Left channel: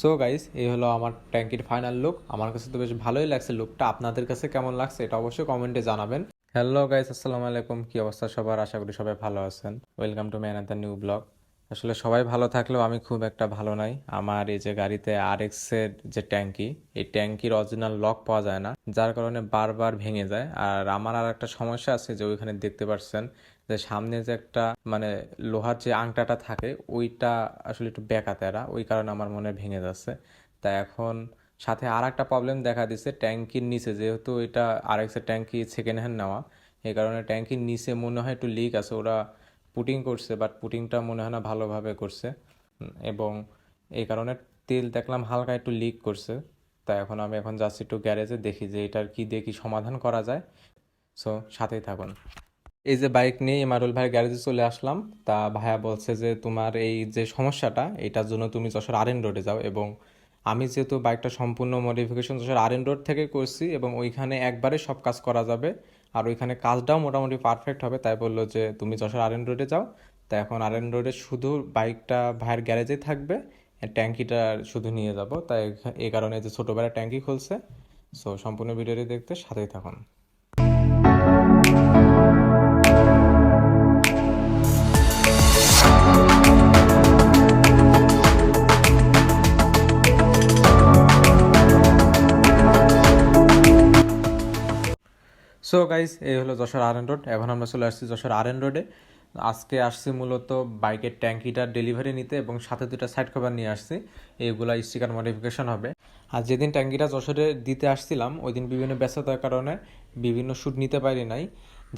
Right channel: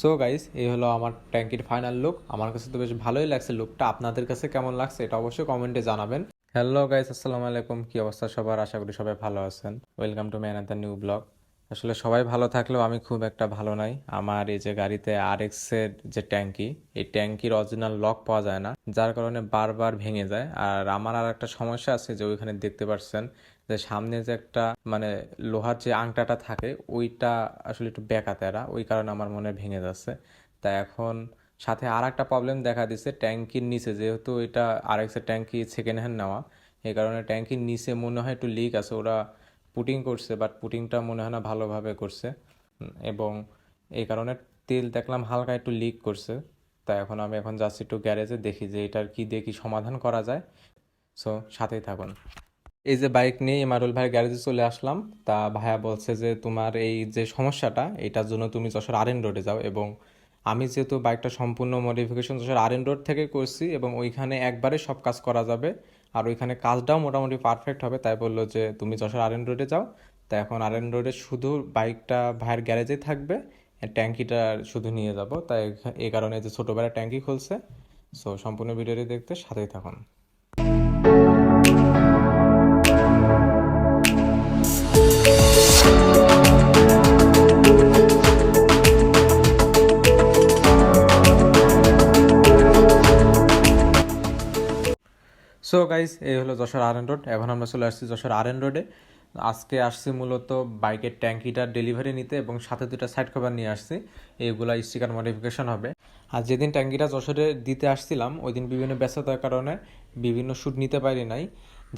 So guys এই হলো আমার ট্যাঙ্কির ফাইনাল লুক আমার কাছে তো বেশ ভালোই লাগছে লুকটা আপনাদের কাছে কেমন লাগছে এটা অবশ্যই কমেন্টে জানাবেন। হ্যালো গাইস আসসালামু আলাইকুম। কি অবস্থা সবার? আশা করি সবাই ভালো আছেন। Welcome to man the new blog আসলে সবাই ভালো থাকলেও আমি খুব একটা ভালো নাই। আমার এই যে গাড়িতে আর এর যে ট্যাঙ্কি, এই ট্যাঙ্কির অরিজিনাল লক পাওয়া যায় না, যার কারণে বারবার ভেঙে যায়। আর আমার আর একটা সমস্যা আছে যে ওইখানে দেখতে পাচ্ছেন যে সামনে যে একটা মানে লোহার যে আংটাটা থাকে, ওইটা আসলে একটু বেঁকা তেরা ওই কারণে আমার মনে ভেঙে যাচ্ছে। তা এখন সাথে আর একটা প্রবলেম দেখা দিচ্ছে, ট্যাঙ্কির নিচে, যেহেতু এটা আর এক্সের ট্যাঙ্কি সেকেন্ড হ্যান্ড নেওয়া, এই কারণে ট্যাঙ্কির নিচে মনে হয় একটু লিক আছে। ওরা পুটিং করছে বাট পুটিংটা মনে হয় না ভালোভাবে করছে। এবং এই কারণে তেল দেখলাম হালকা একটু লিক করছে। তাই এখন আমি এখন যাচ্ছি একটু গ্যারেজে দেখি যে এটার কি দিয়ে কি সমাধান করা যায়। সো সাথেই থাকুন। এই যে বাইক নিয়ে ইমারুল ভাইয়ের গ্যারেজে চলে আসলাম। তা ভাইয়া বলছে যে তোমার এই যে সমস্যাটা, এটার জন্য তুমি যশোর আর এন রোডে যাও এবং আমি যেহেতু বাইকটা সম্পূর্ণ modification Jessore R N road থেকে করছি এবং ওইখানে একবারে সব কাজ করা যাবে। আর ওইখানে কাজটাও মোটামুটি পারফেক্ট হবে। তাই বলল যে, তুমি যশোর আর এন রোডে যাও। তা এখন আর এন রোডে শুধু বাইকটা ভাইয়ের গ্যারেজেই থাকবে ট্যাঙ্কিটা শুধু নিয়ে যাব। তাই এই কারণে যে ছোটোবেলা ট্যাঙ্কি খুলছে। সো সম্পূর্ণ ভিডিওটি দেখতে সাথেই থাকুন। সো গাইস এই হলো যশোর আর এন রোড এখন আমরা চলে আসছি যশোর আর এন রোডে আজকে আসছি মূলত বাইকের ট্যাঙ্কিটার ডেলিভারি নিতে এবং সাথে দুটা সাইড কভার নিয়ে আসছি। এইগুলা স্টিকার মডিফিকেশন হবে। আর যেদিন ট্যাঙ্কিটা যশোরে দিতে আসছিলাম ওই দিন বিভিন্ন ব্যস্ততার কারণে বিভিন্ন শ্যুট নিতে পারি নাই।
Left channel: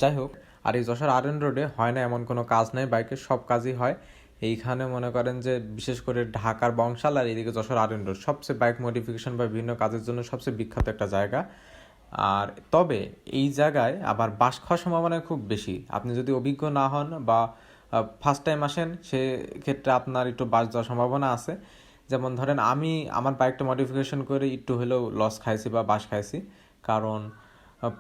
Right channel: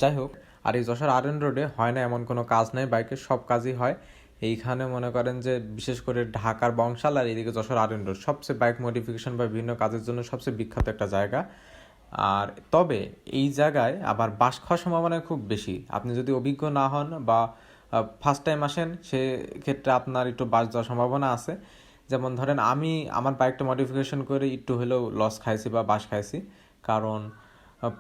যাই হোক, আর এই যশোর আর এন রোডে হয় না এমন কোনো কাজ নাই বাইকের সব কাজই হয়। এইখানে মনে করেন যে বিশেষ করে ঢাকার বংশাল আর এদিকে যশোর আর এন রোড সবচেয়ে বাইক মডিফিকেশন বা বিভিন্ন কাজের জন্য সবচেয়ে বিখ্যাত একটা জায়গা। আর তবে এই জায়গায় আবার বাস খাওয়ার সম্ভাবনা খুব বেশি। আপনি যদি অভিজ্ঞ না হন বা ফার্স্ট টাইম আসেন সে ক্ষেত্রে আপনার একটু বাস যাওয়ার সম্ভাবনা আছে। যেমন ধরেন আমি আমার বাইকটা মডিফিকেশন করে একটু হলেও লস খাইছি বা বাস খাইছি। কারণ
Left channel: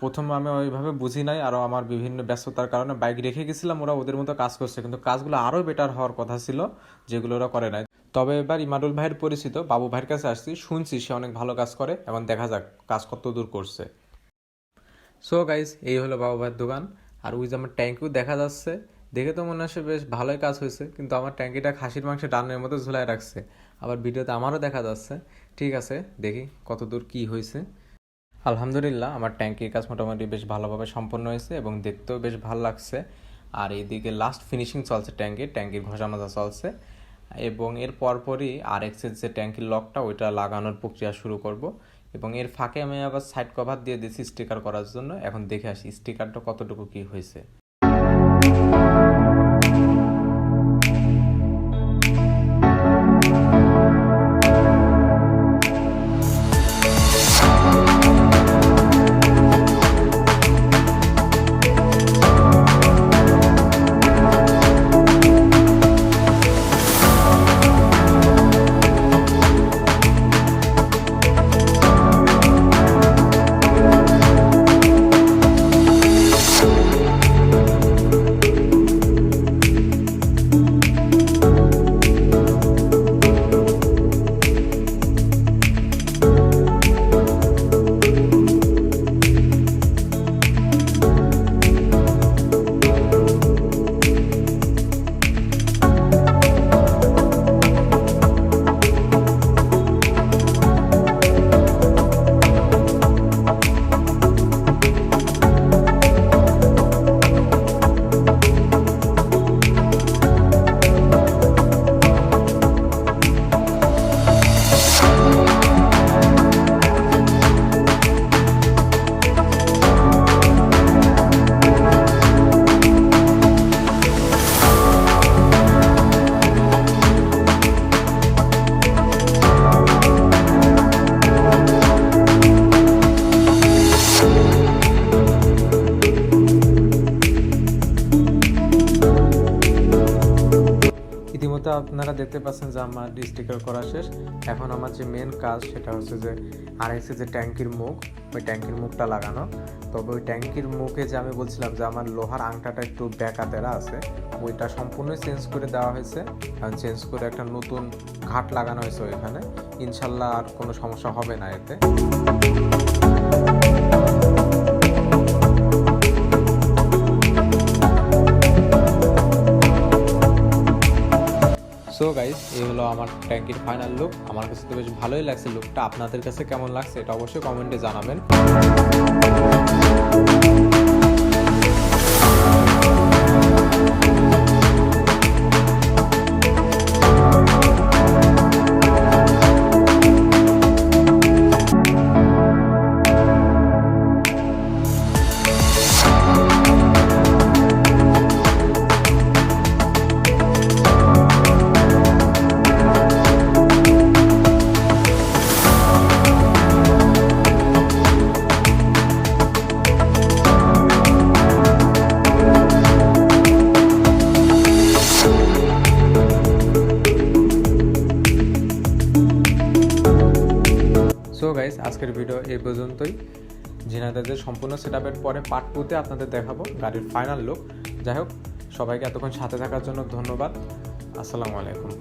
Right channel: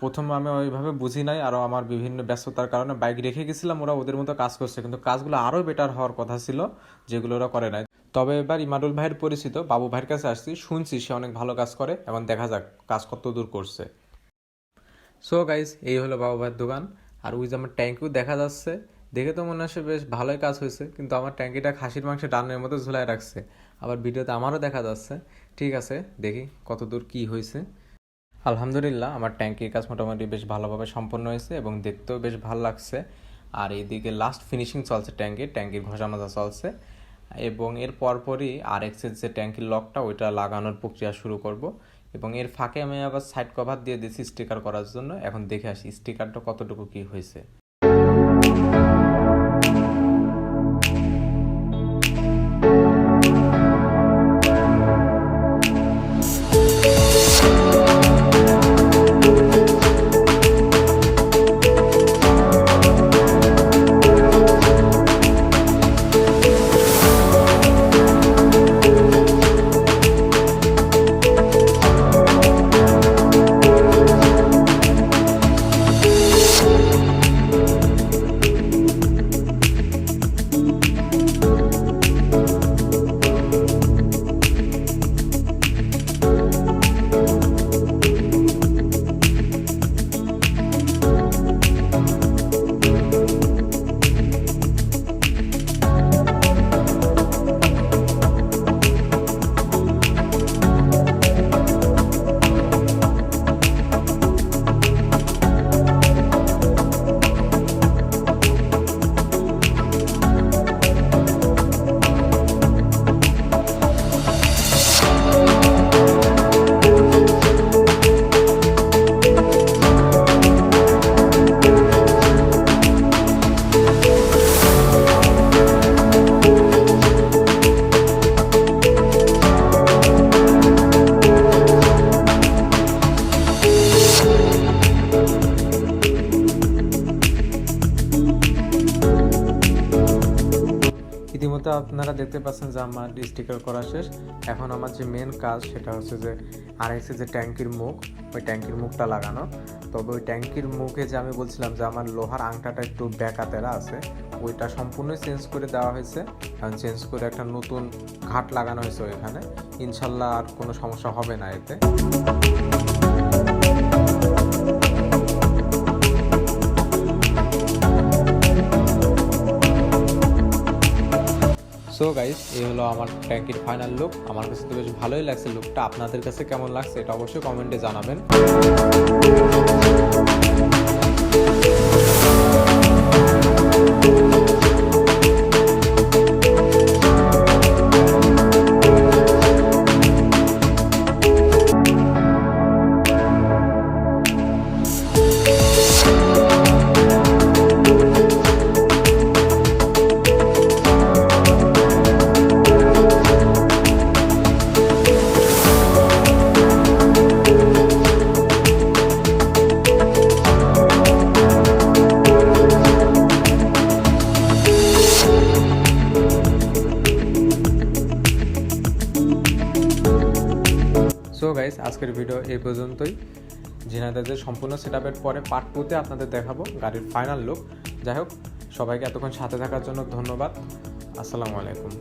প্রথমে আমি ওইভাবে বুঝি নাই আরও আমার বিভিন্ন ব্যস্ততার কারণে বাইক রেখে গেছিলাম, ওরা ওদের মতো কাজ করছে। কিন্তু কাজগুলো আরও বেটার হওয়ার কথা ছিল, যেগুলো ওরা করে নাই। তবে এবার ইমারুল ভাইয়ের পরিচিত, বাবু ভাইয়ের কাছে আসছি, শুনছি সে অনেক ভালো কাজ করে এবং দেখা যাক কাজ কত দূর করছে। সো গাইজ এই হলো বাবু ভাইয়ের দোকান। আর ওই যে আমার ট্যাঙ্কিও দেখা যাচ্ছে। দেখে তো মনে হচ্ছে বেশ ভালোই কাজ হয়েছে, কিন্তু আমার ট্যাঙ্কিটা খাসির মাংসের ডানের মতো ঝুলাই রাখছে। আবার ভিডিওতে আমারও দেখা যাচ্ছে। ঠিক আছে, দেখি কত দূর কী হয়েছে। আলহামদুলিল্লাহ, আমার ট্যাঙ্কির কাজ মোটামুটি বেশ ভালোভাবে সম্পন্ন হয়েছে এবং দেখতেও বেশ ভালো লাগছে। আর এইদিকে লাস্ট ফিনিশিং চলছে ট্যাঙ্কির ট্যাঙ্কির ঘষা মাজা চলছে। এবং এর পরপরই আর এক্সের যে ট্যাঙ্কির লকটা ওইটা লাগানোর প্রক্রিয়া শুরু করব। এবং এর ফাঁকে আমি আবার সাইড কভার দিয়ে দিয়েছি স্টিকার করার জন্য। এখন দেখে আসি স্টিকারটা কতটুকু কি হয়েছে। ইতিমধ্যে আপনারা দেখতে পাচ্ছেন যে আমার স্টিকার করা শেষ। এখন আমার যে মেন কাজ সেটা হচ্ছে যে আর এসে যে ট্যাঙ্কির মুখ, ওই ট্যাঙ্কির মুখটা লাগানো। তবে ওই ট্যাঙ্কির মুখে যে আমি বলছিলাম যে আমার লোহার আংটাটা একটু ব্যাকাতেরা আছে, ওইটা সম্পূর্ণ চেঞ্জ করে দেওয়া হয়েছে। কারণ চেঞ্জ করে একটা নতুন ঘাট লাগানো হয়েছে ওইখানে। ইনশাল্লাহ আর কোনো সমস্যা হবে না এতে। সো গাইস এই হলো আমার ট্যাঙ্কির ফাইনাল লুক আমার কাছে তো বেশ ভালোই লাগছে লুকটা আপনাদের কাছে কেমন লাগছে, এটা অবশ্যই কমেন্টে জানাবেন। আজকের ভিডিও এই পর্যন্তই। জিনাদাদের সম্পূর্ণ সেট আপের পরে পার্ট টুতে আপনাদের দেখাবো গাড়ির ফাইনাল লুক যাই হোক, সবাইকে এতক্ষণ সাথে থাকার জন্য ধন্যবাদ। আসসালামু আলাইকুম।